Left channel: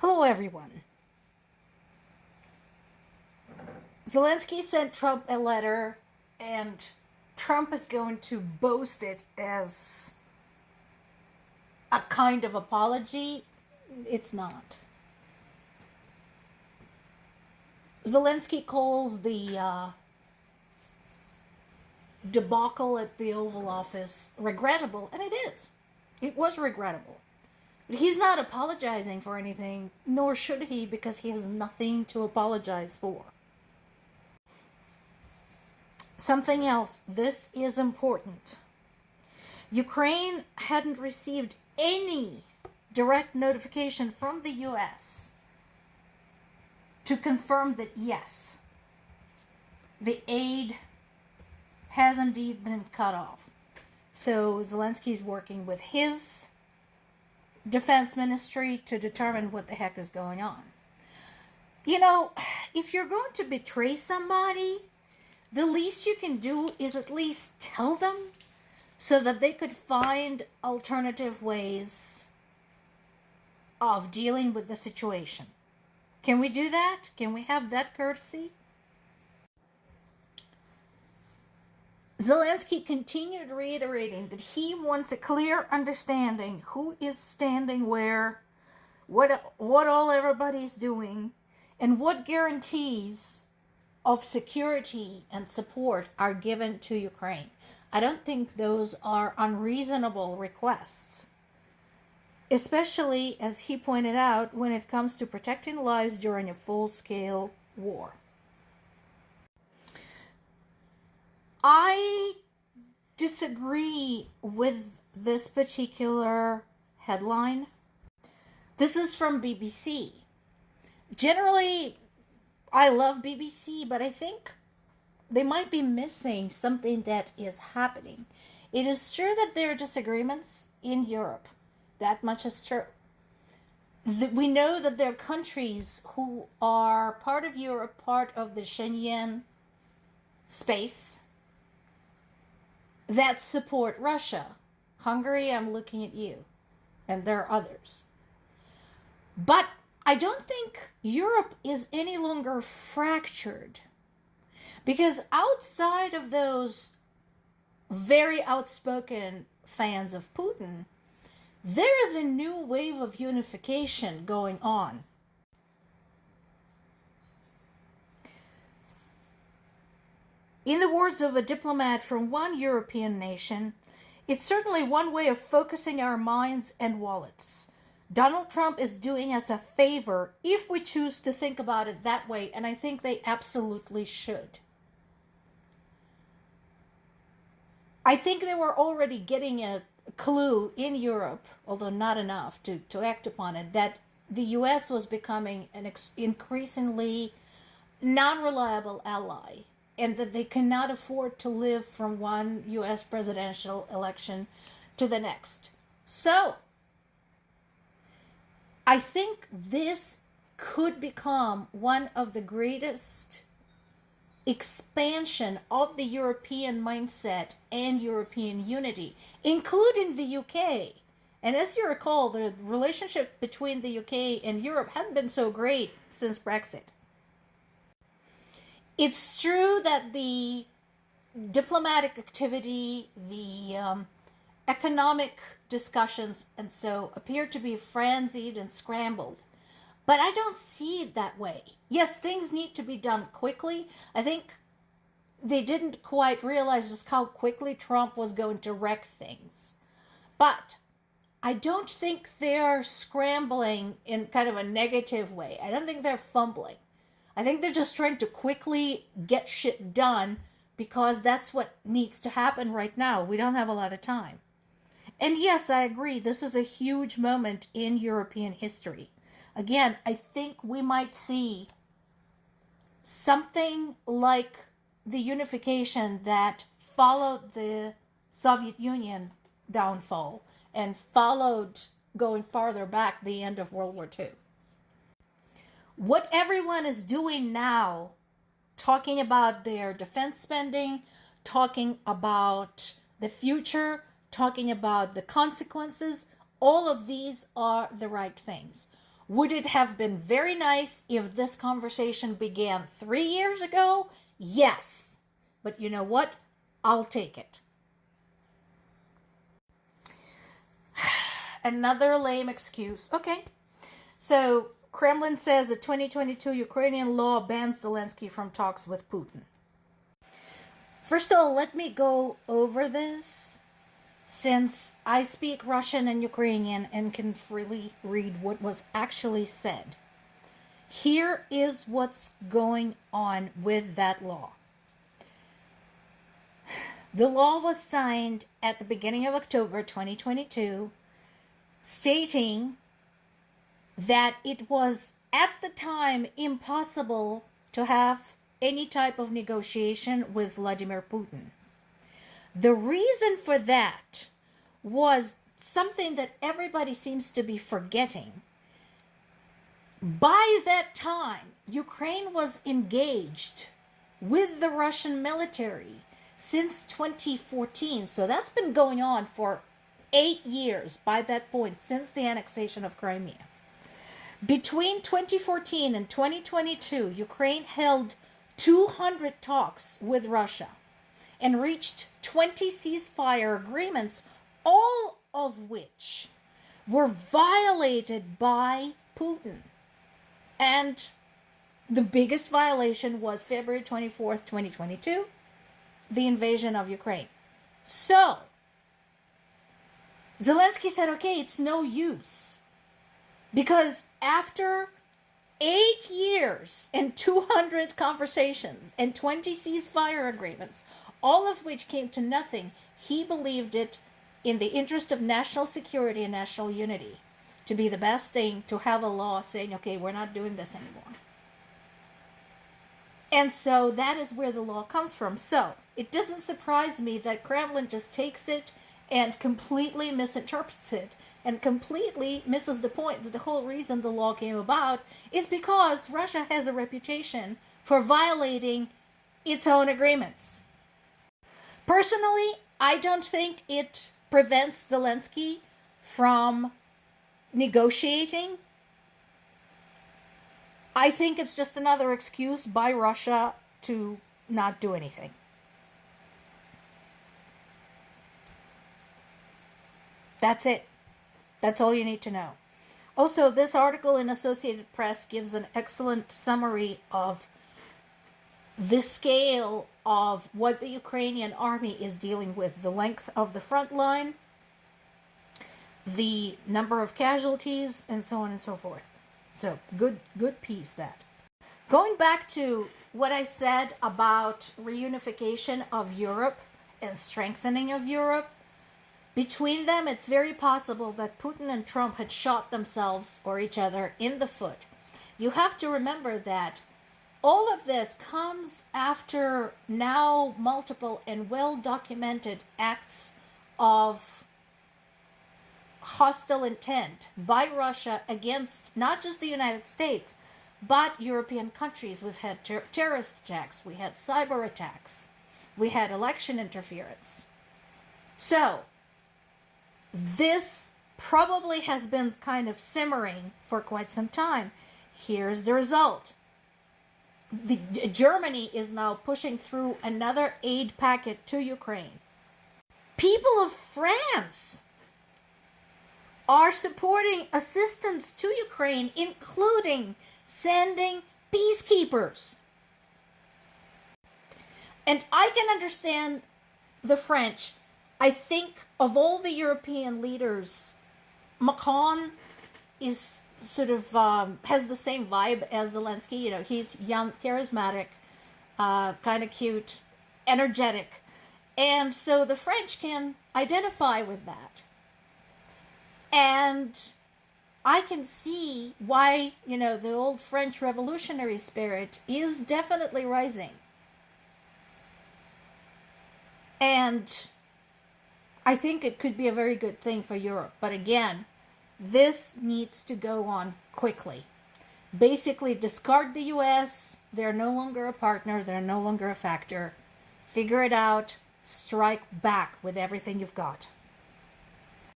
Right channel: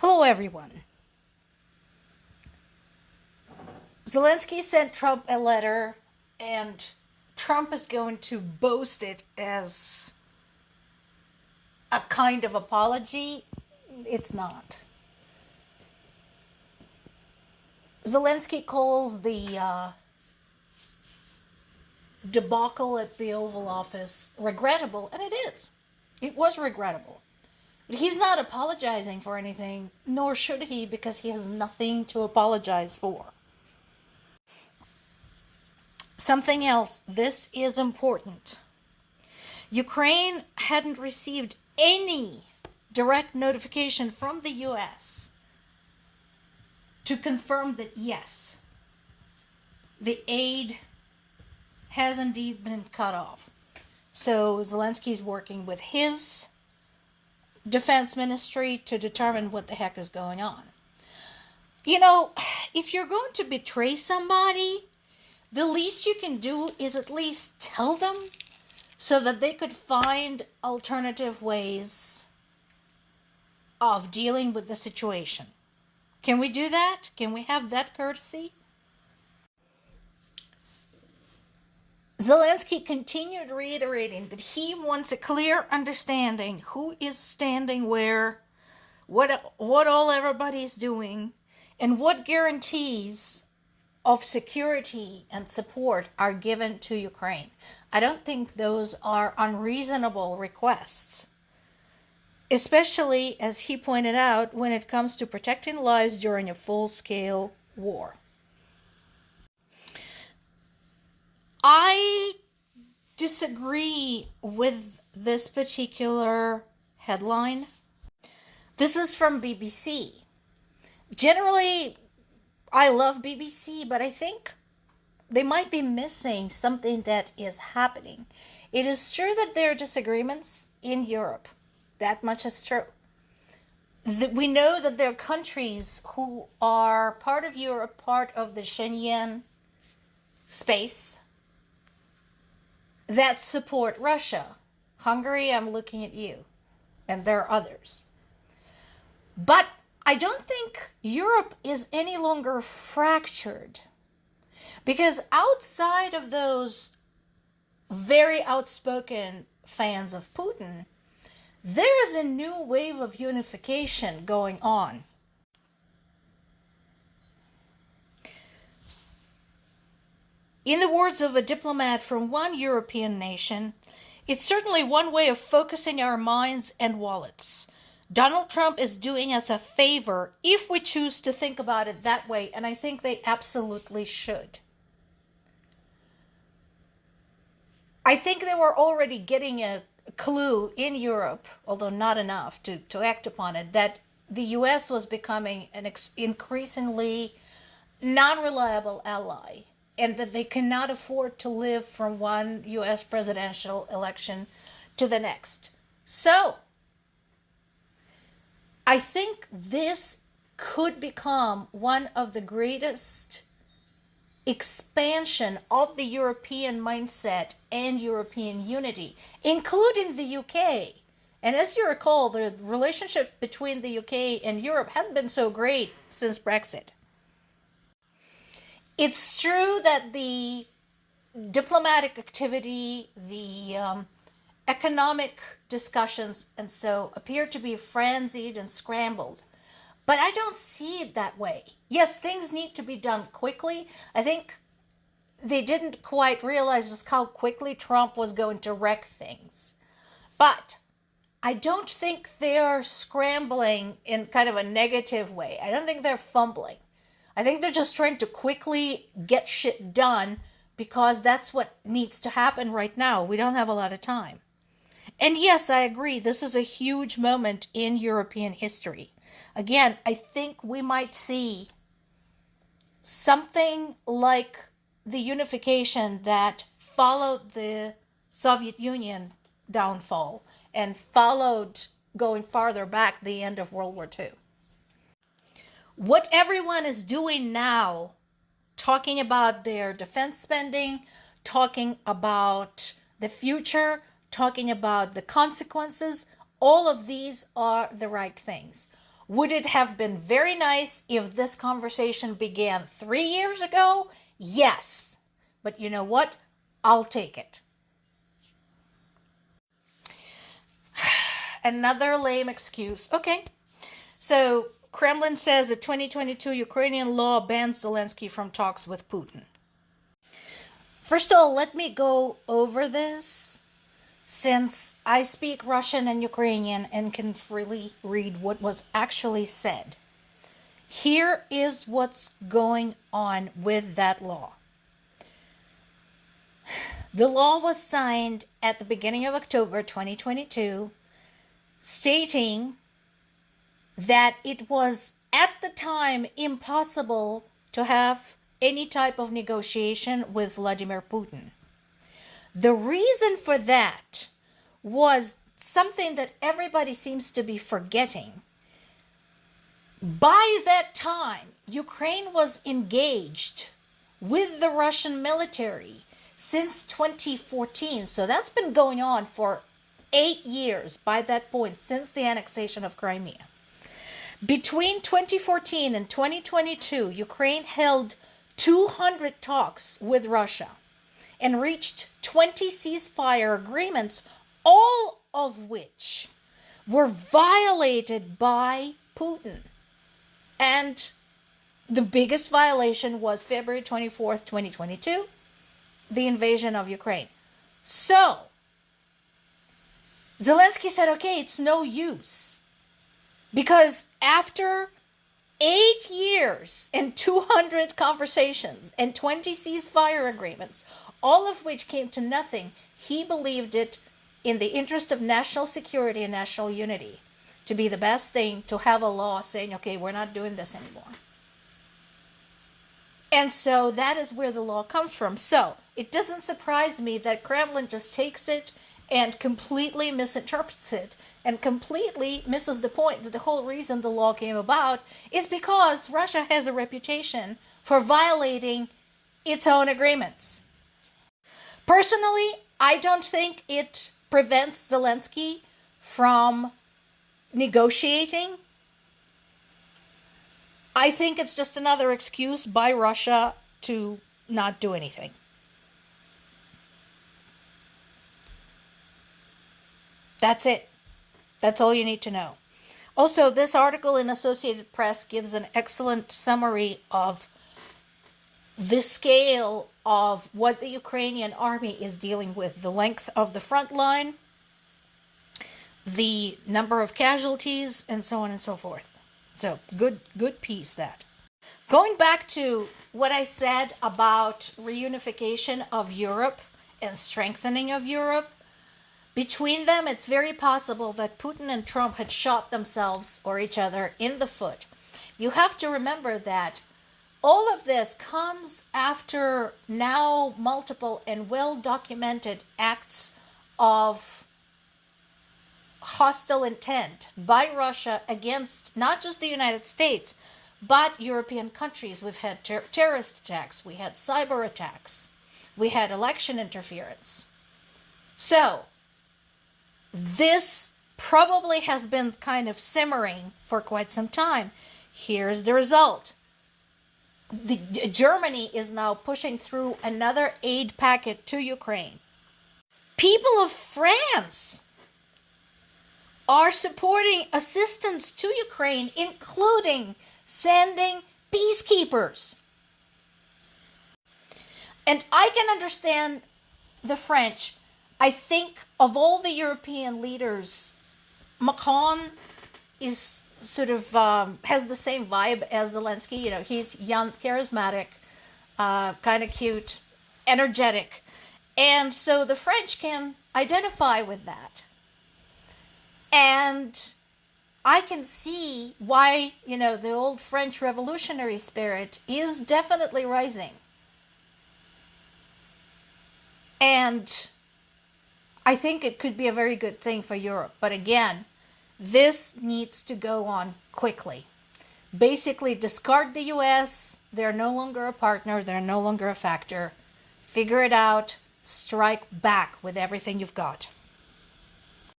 Hello, everyone. Zelensky sent Trump a letter, and Trump is going to boast it as a kind of apology. It's not. Zelensky calls the debacle at the Oval Office regrettable, and it is. It was regrettable. But he's not apologizing for anything, nor should he, because he has nothing to apologize for. Something else, this is important. Ukraine hadn't received any direct notification from the US to confirm that yes, the aid has indeed been cut off. So Zelensky's working with his defense ministry to determine what the heck is going on. You know, if you're going to betray somebody, the least you can do is at least tell them so that they could find alternative ways of dealing with the situation. Can we do that? Can we have that courtesy? Zelensky continued reiterating that he wants a clear understanding who is standing where, what all everybody's doing, and what guarantees of security and support are given to Ukraine. I don't think those are unreasonable requests, especially, as he pointed out, when it comes to protecting lives during a full-scale war. I disagree with this particular headline. This is from BBC. Generally, I love BBC, but I think they might be missing something that is happening. It is true that there are disagreements in Europe. That much is true. We know that there are countries who are part of Europe, part of the Schengen space, that support Russia. Hungary, I'm looking at you. And there are others. But I don't think Europe is any longer fractured, because outside of those very outspoken fans of Putin, there is a new wave of unification going on. In the words of a diplomat from one European nation, it's certainly one way of focusing our minds and wallets. Donald Trump is doing us a favor if we choose to think about it that way, and I think they absolutely should. I think they were already getting a clue in Europe, although not enough to act upon it, that the US was becoming an increasingly non-reliable ally, and that they cannot afford to live from one US presidential election to the next. So, I think this could become one of the greatest expansion of the European mindset and European unity, including the UK. And as you recall, the relationship between the UK and Europe hadn't been so great since Brexit. It's true that the diplomatic activity, the economic discussions, and so appear to be frenzied and scrambled. But I don't see it that way. Yes, things need to be done quickly. I think they didn't quite realize just how quickly Trump was going to wreck things. But I don't think they're scrambling in kind of a negative way. I don't think they're fumbling. I think they're just trying to quickly get shit done because that's what needs to happen right now. We don't have a lot of time. And yes, I agree, this is a huge moment in European history. Again, I think we might see something like the unification that followed the Soviet Union downfall and followed, going farther back, the end of World War II. What everyone is doing now, talking about their defense spending, talking about the future, talking about the consequences, all of these are the right things. Would it have been very nice if this conversation began 3 years ago? Yes. But you know what? I'll take it. Another lame excuse. Okay. So Kremlin says a 2022 Ukrainian law bans Zelensky from talks with Putin. First of all, let me go over this, since I speak Russian and Ukrainian and can freely read what was actually said. Here is what's going on with that law. The law was signed at the beginning of October 2022, stating that it was at the time impossible to have any type of negotiation with Vladimir Putin. The reason for that was something that everybody seems to be forgetting. By that time, Ukraine was engaged with the Russian military since 2014. So that's been going on for 8 years by that point, since the annexation of Crimea. Between 2014 and 2022, Ukraine held 200 talks with Russia and reached 20 ceasefire agreements, all of which were violated by Putin. And the biggest violation was February 24th, 2022, the invasion of Ukraine. So, Zelensky said, okay, it's no use. Because after 8 years and 200 conversations and 20 ceasefire agreements, all of which came to nothing, he believed it in the interest of national security and national unity to be the best thing to have a law saying, okay, we're not doing this anymore. And so that is where the law comes from. So it doesn't surprise me that Kremlin just takes it and completely misinterprets it and completely misses the point that the whole reason the law came about is because Russia has a reputation for violating its own agreements. Personally, I don't think it prevents Zelensky from negotiating. I think it's just another excuse by Russia to not do anything. That's it. That's all you need to know. Also, this article in Associated Press gives an excellent summary of the scale of what the Ukrainian army is dealing with, the length of the front line, the number of casualties, and so on and so forth. So, good piece that. Going back to what I said about reunification of Europe and strengthening of Europe, between them, it's very possible that Putin and Trump had shot themselves or each other in the foot. You have to remember that all of this comes after now multiple and well-documented acts of hostile intent by Russia against not just the United States, but European countries. We've had terrorist attacks, we had cyber attacks, we had election interference. So, this probably has been kind of simmering for quite some time. Here's the result. Germany is now pushing through another aid packet to Ukraine. People of France are supporting assistance to Ukraine, including sending peacekeepers. And I can understand the French. I think of all the European leaders, Macron is sort of has the same vibe as Zelensky. You know, he's young, charismatic, kind of cute, energetic. And so the French can identify with that. And I can see why, the old French revolutionary spirit is definitely rising. And I think it could be a very good thing for Europe. But again, this needs to go on quickly. Basically, discard the US. They're no longer a partner. They're no longer a factor. Figure it out. Strike back with everything you've got.